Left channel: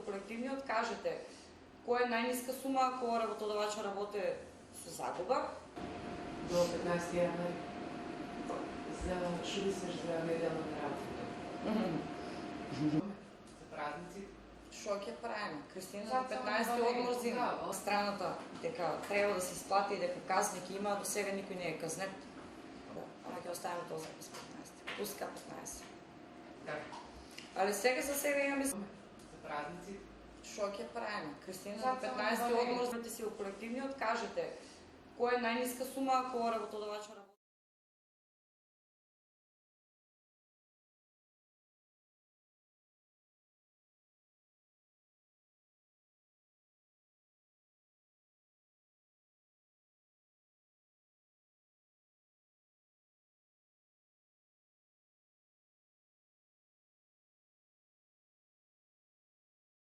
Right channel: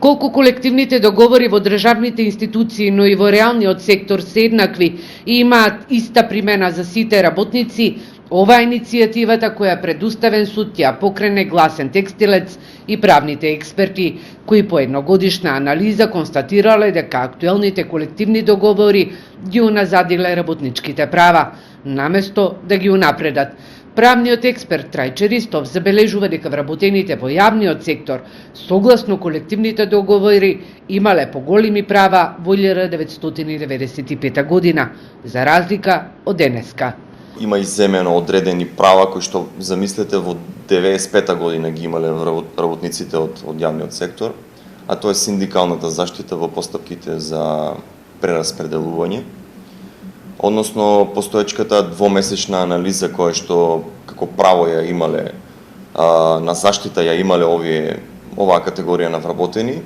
Колку колективните договори во државните институции, но и во реалниот сектор се еднакви и имаат иста примена за сите работници, оваа иницијативата која пред Уставен суд ја покрене Гласен текстилец и правните експерти, кои по едногодишна анализа констатирале дека актуелните колективни договори ги уназадиле работничките права, наместо да ги унапредат. Правниот експерт Трајче Ристов забележува дека вработените во јавниот сектор, согласно колективните договори, имале поголеми права во 1995 година, за разлика од денеска. Има иземено одредени права кои што замислете во 95 година ги имале работниците од јавниот сектор, а тоа е синдикалната заштита во постапките за прераспределување, односно постоечката двомесечна анализа која што како право ја имале на заштита ја имале оваа категорија на вработени.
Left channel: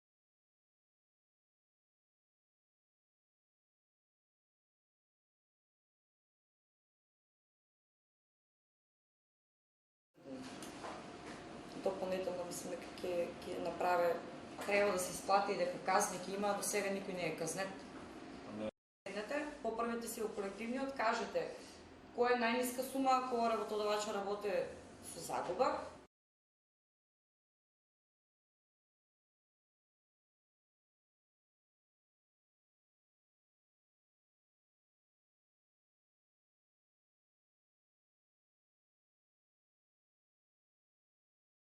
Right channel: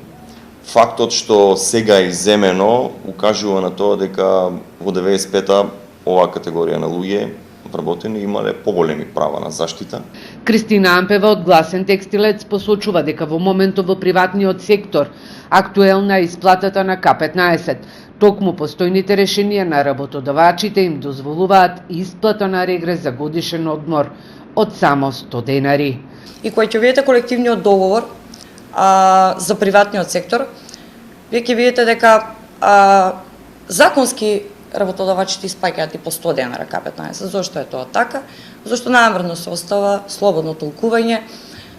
Фактот што сега е иземено укажува на тоа дека во 95-та оваа категорија на луѓе вработени имале поголеми права на заштита. Кристина Ампева од Гласен текстилец посочува дека во моментот во приватниот сектор актуелна е исплатата на К15. Токму постојните решенија на работодавачите им дозволуваат исплата на регрес за годишен одмор од само 100 денари. И кога ќе видите колективниот договор за приватниот сектор, вие ќе видите дека законски работодавачите испаќаат и по 100 денара К15. Зошто е тоа така? Зошто намерно се остава слободно толкување,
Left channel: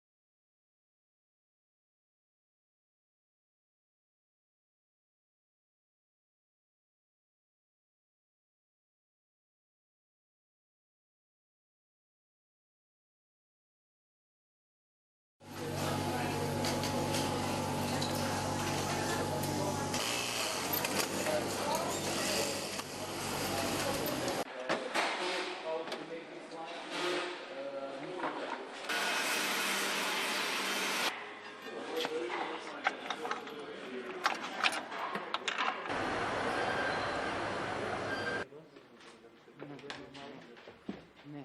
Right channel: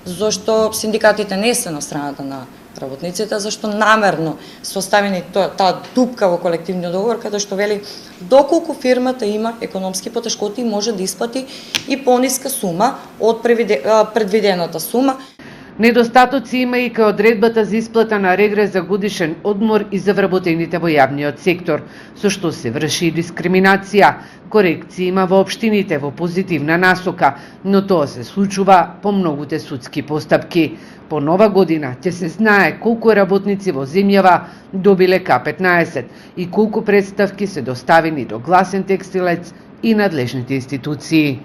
зошто синдикатите не се на страната на работниците, зашто намерно се оставени таа дупка во колективниот договор, каде што вели доколку фирмата има економски потешкоти може да исплати и пониска сума од предвидената сума. Недостатоци има и кај одредбата за исплата на регрес за годишен одмор и за вработените во јавниот сектор, со што се врши дискриминација. Корекции има во општините во позитивна насока, но тоа се случува по многуте судски постапки. По нова година ќе се знае колку работници во земјава добиле К15 и колку представки се доставени до Гласен текстилец и надлежните институции.